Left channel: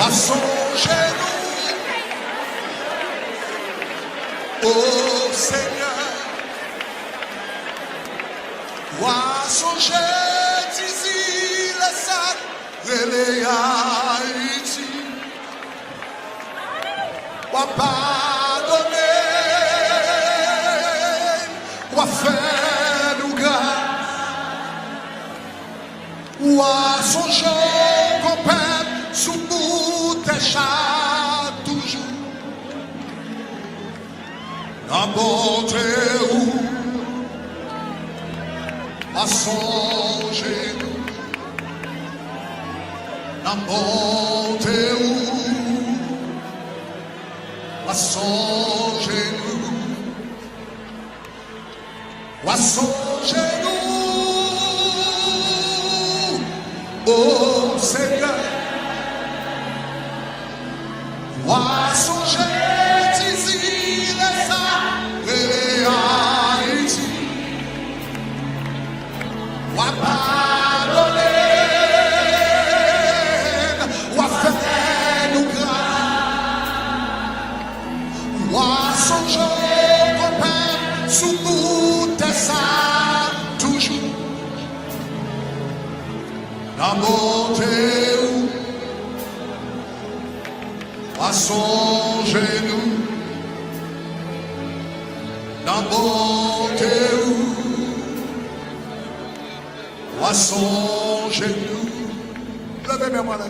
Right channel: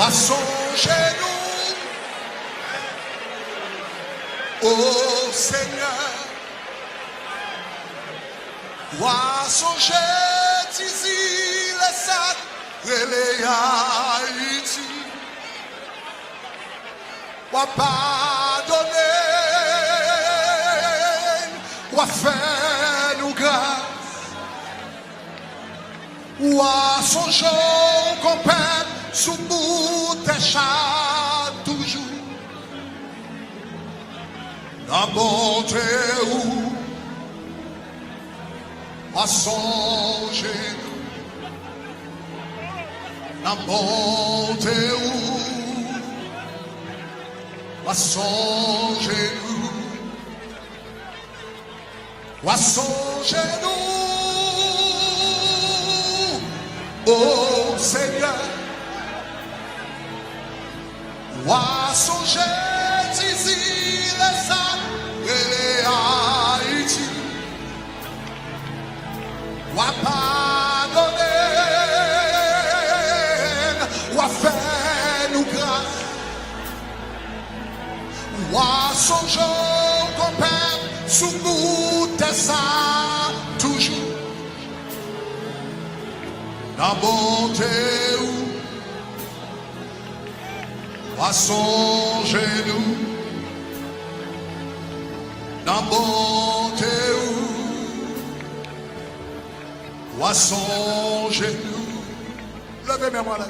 à son genou, ô Seigneur, à son genou, d'ici les sacs, les Haïti, à pardonner, à faire nous grâce, à son genou, qu'on perd sous bout des chats toujours. La bonté ou à son genou, la bonté ou à son genou, à son genou, ô Seigneur, à son genou, ici les saints et les Haïti. Wa pardonner, wa faire nous grâce, wa songer qu'on perd sous bout de ça toujours. La bonté ou wa songer nous, la bonté ou à son genou, levez mes mains là.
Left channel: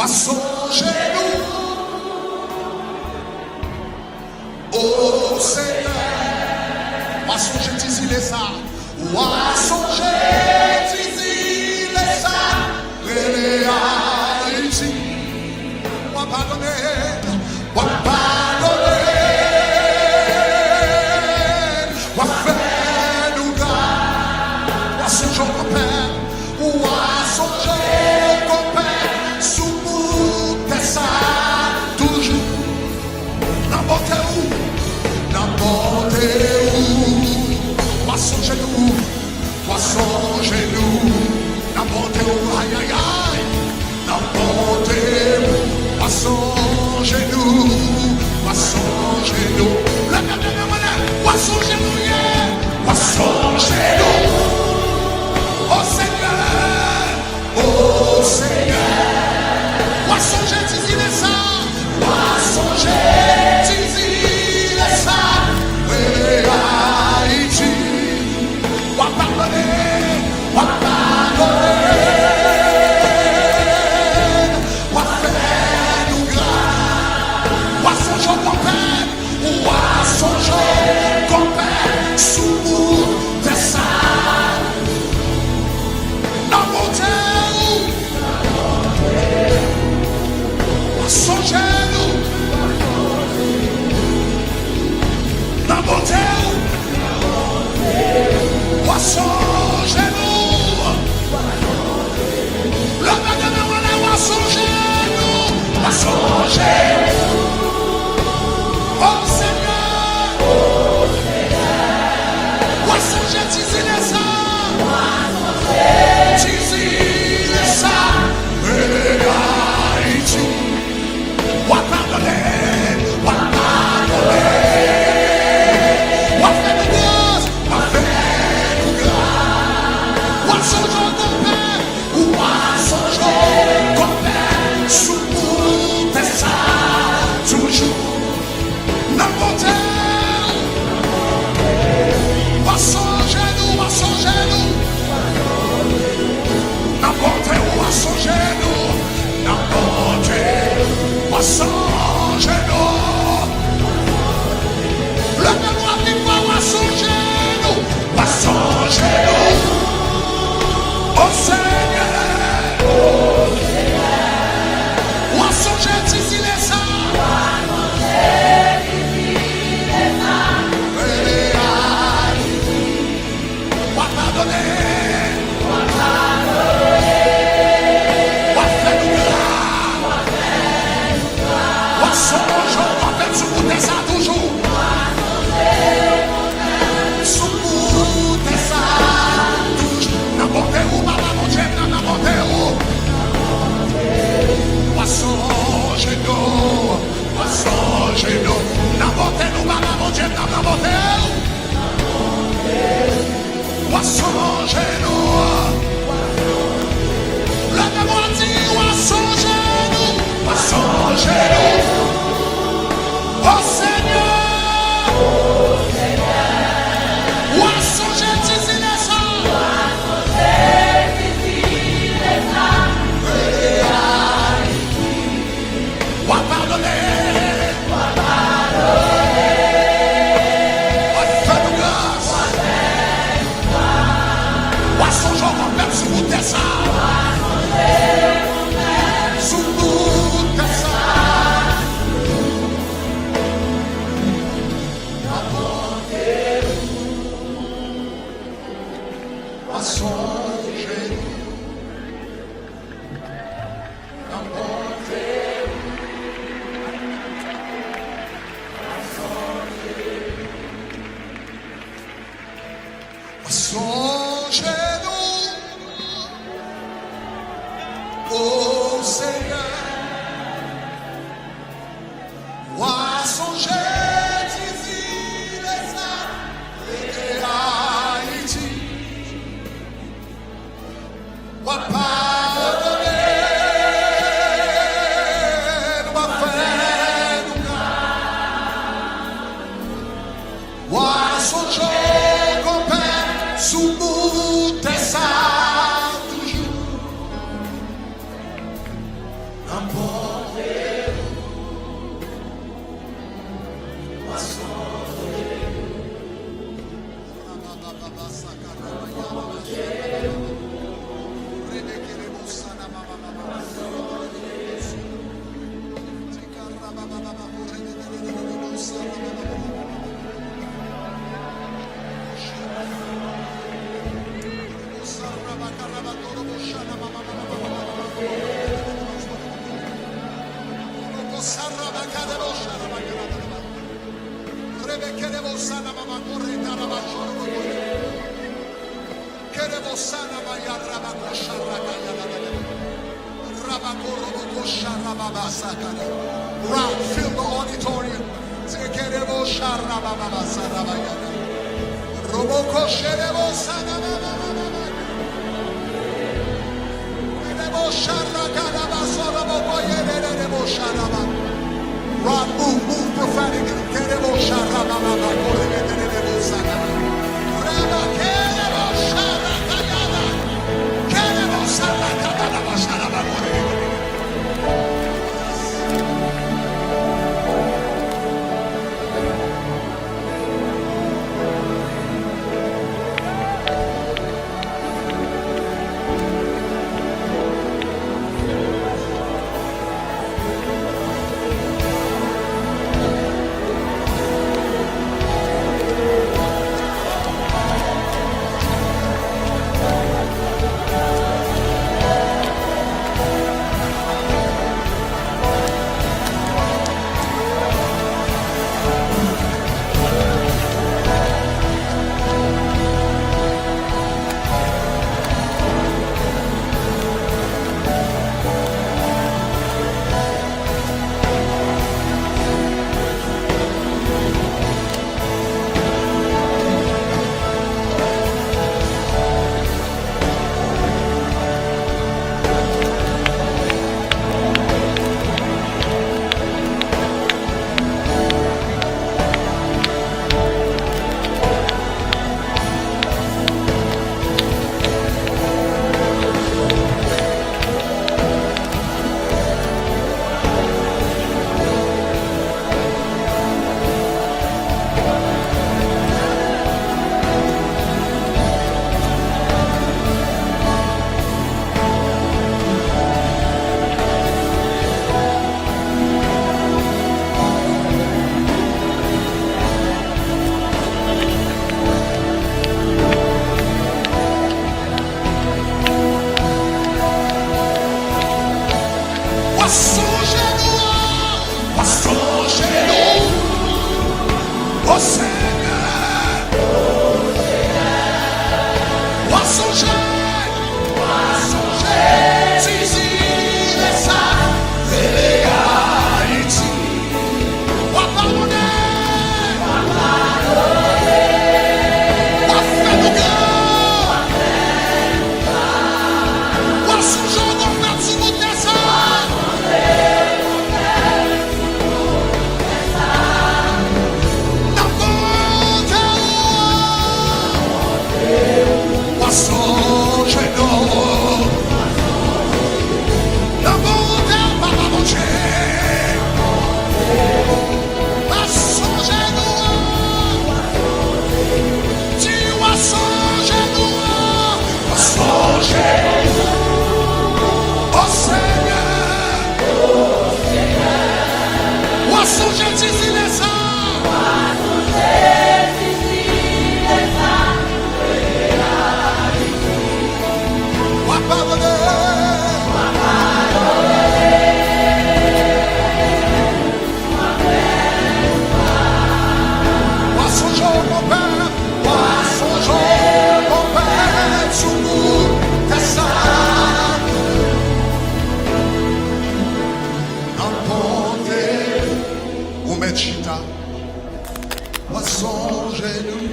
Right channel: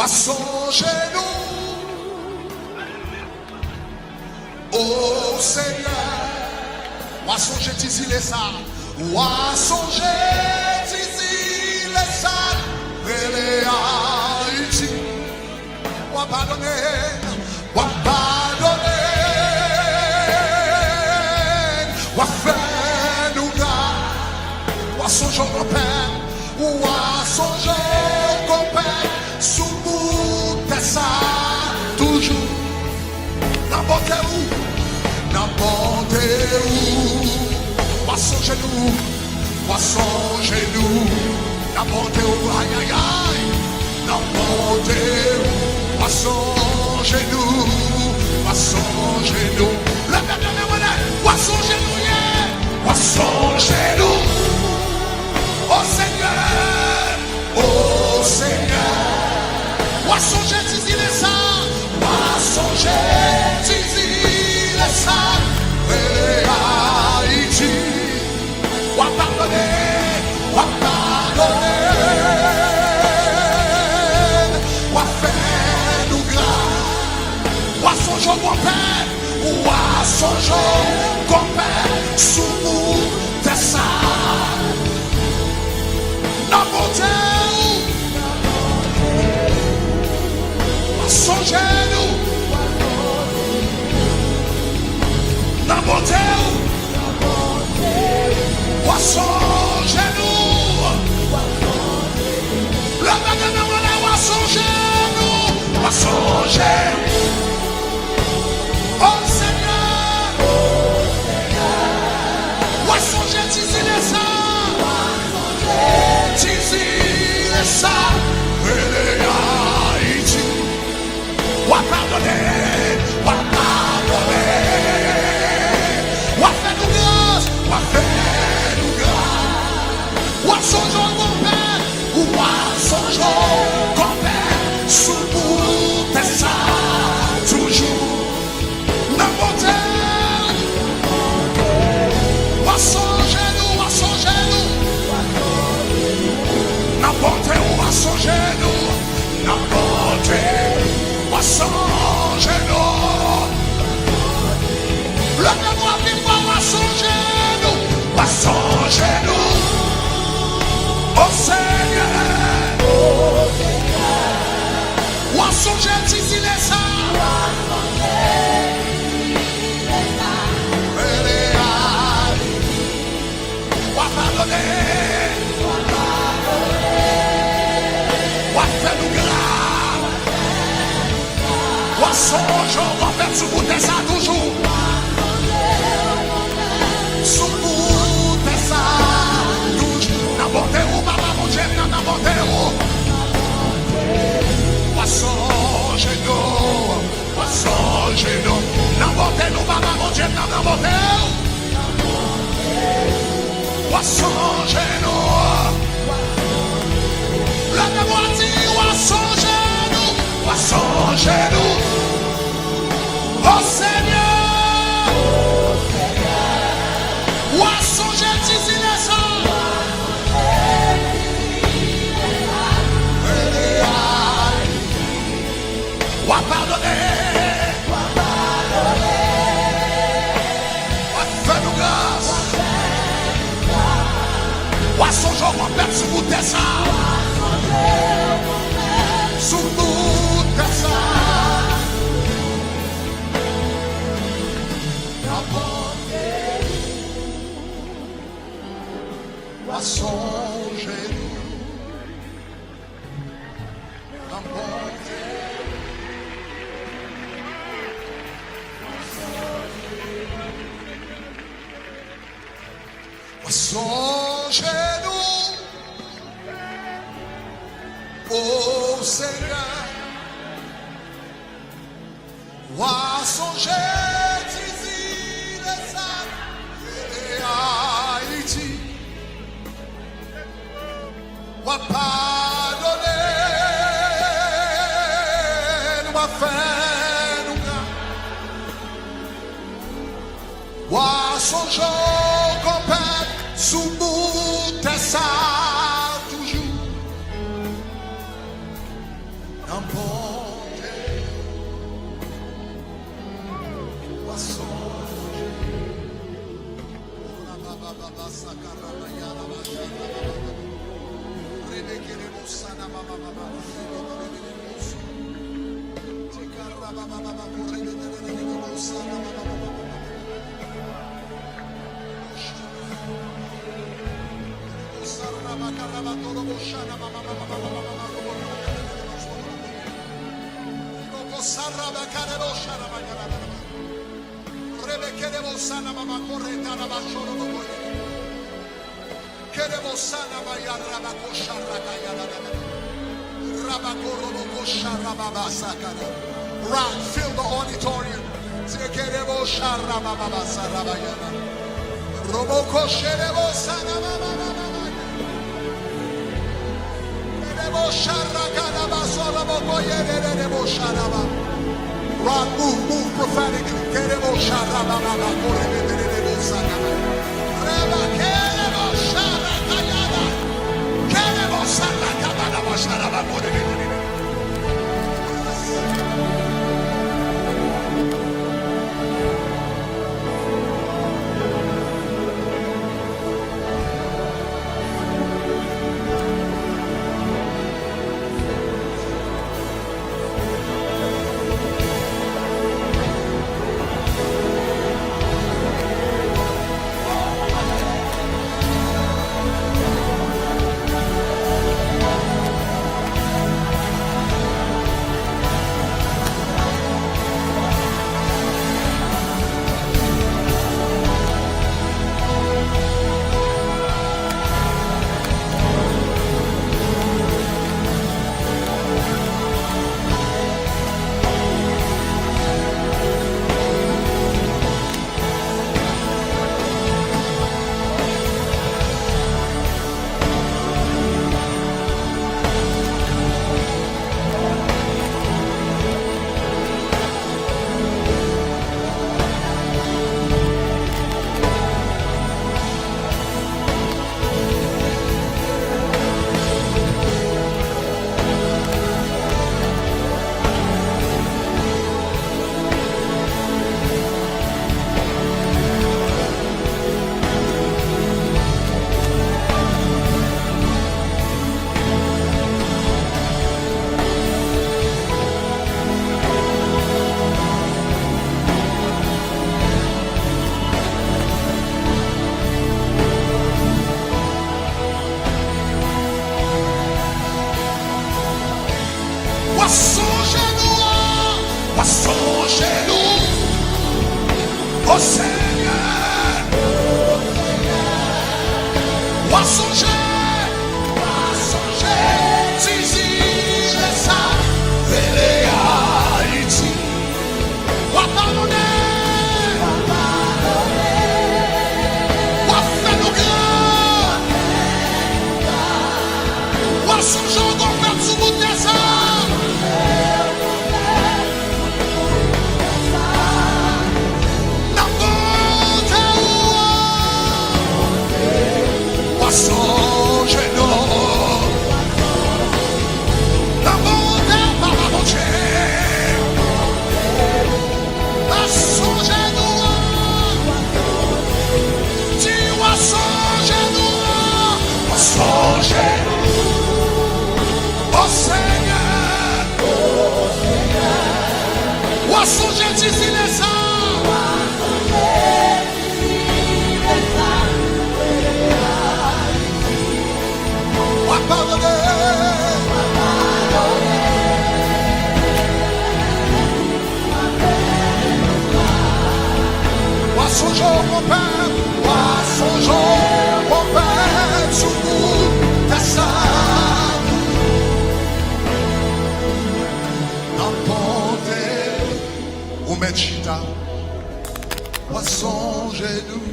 À son genou, ô Seigneur, à son genou, ici les ça, à son genou, ici les ça, les Haïti, à pardonner, à pardonner, à faire. Son jour qu'on perd, ou à son jour qu'on perd, sous bout de ça, toujours. La bonté où, à son genou, à son genou, la bonté où, aïe aïe aïe, la bonté où, à son genou, à son genou, le père de la monnaie, à son genou, yeah, à son genou. Oh Seigneur, ou à songer d'ici les saints, ou à songer d'ici les saints, et Haïti, ou à pardonner, ou à faire nous grâce, ou à songer qu'on perd, ou à songer qu'on perd, sous bout de ça. La bonté à son genou, la bonté à son genou, la bonté à son genou, à son genou. Oh Seigneur, à son genou, ici les saints. D'ici les saints et les Haïti, ou à pardonner, ou à faire nous grâce, ou à faire nous grâce, ou à songer qu'on perd, ou à songer qu'on perd, sous bout de ça, toujours, la bonté, ou à songer nous, à songer nous. N'importe où à son genou, n'importe où à son genou. Le mémoire vivant à son genou, à son genou. Oh Seigneur, ou à son genou, ici les saints. Ou à pardonner. Son jour, on fait sous bout de ça toujours. Dieu n'a pas monté. Poisson genou. La mémoire dit poisson genou. Poisson genou. Oh Seigneur. Poisson genou, dis les ça. Ou pardonner. Songe complète sous bout de ça. Sous bout de ça. Songez-nous. Songez-nous, ô Seigneur, songez d'ici les âmes et Haïti, pardonner, faire nous grâce, songez sous bout de ça toujours n'importe où Rock, fill the auditorium. Rock, move prophetically. Songez-nous, ô Seigneur, songez, Tizi, les sacs et les Haïti, pardonner, songer d'ici les sangs. Wa pardonner. Wa songer mon père. Wa songer mon père. Sous nous ta sang. N'emporte ou mettre chita. Wa songer nous.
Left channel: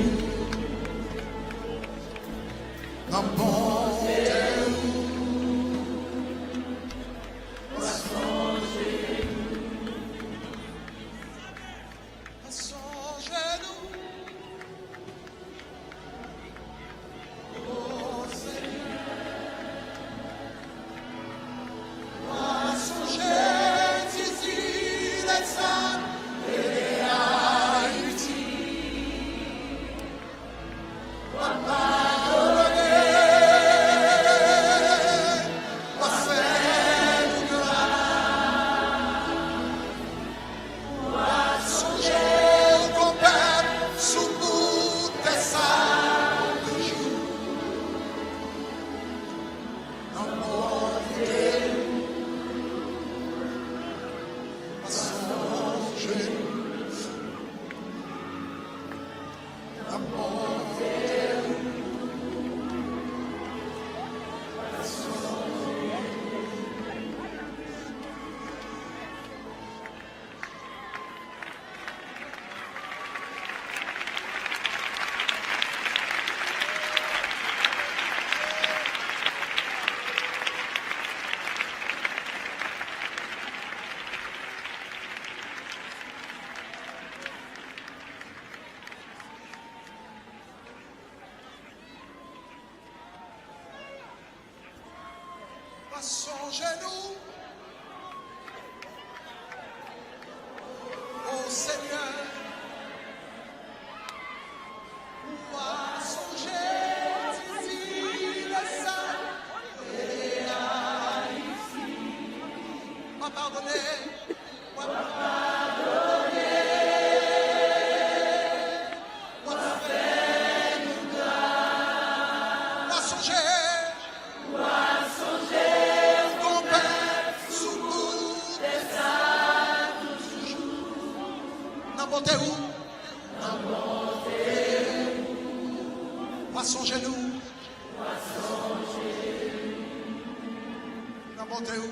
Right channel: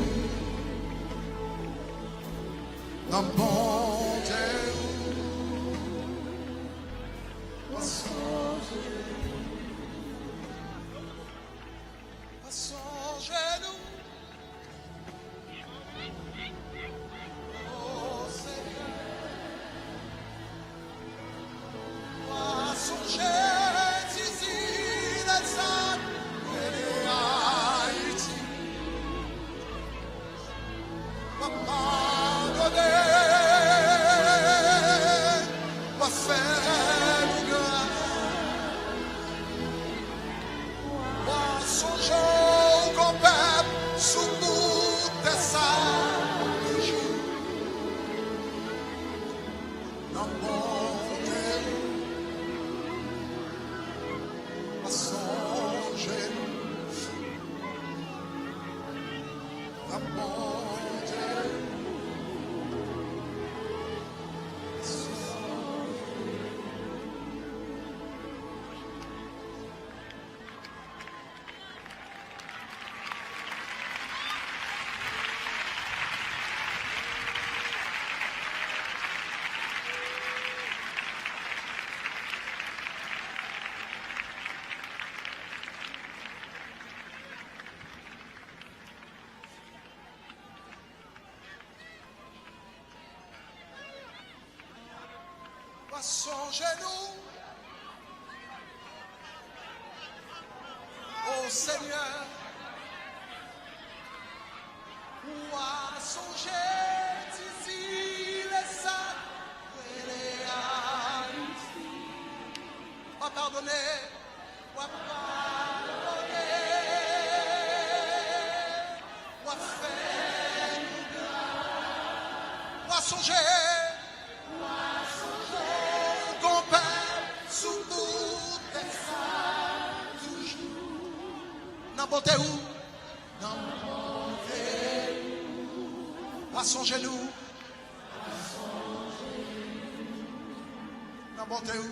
N'emporte. Songez-nous, oh Seigneur, moi songer d'ici les Saints et les Haïti, moi pardonner, moi faire nous grâce, moi songer sous bout de ça de jour dans mon cœur à songer dans mon cœur à songer. Songez-nous, ô Seigneur, moi songer d'ici les Saints et les Haïti, moi pardonner, moi faire nous grâce, moi songer. N'importe où, à son genou, n'importe où.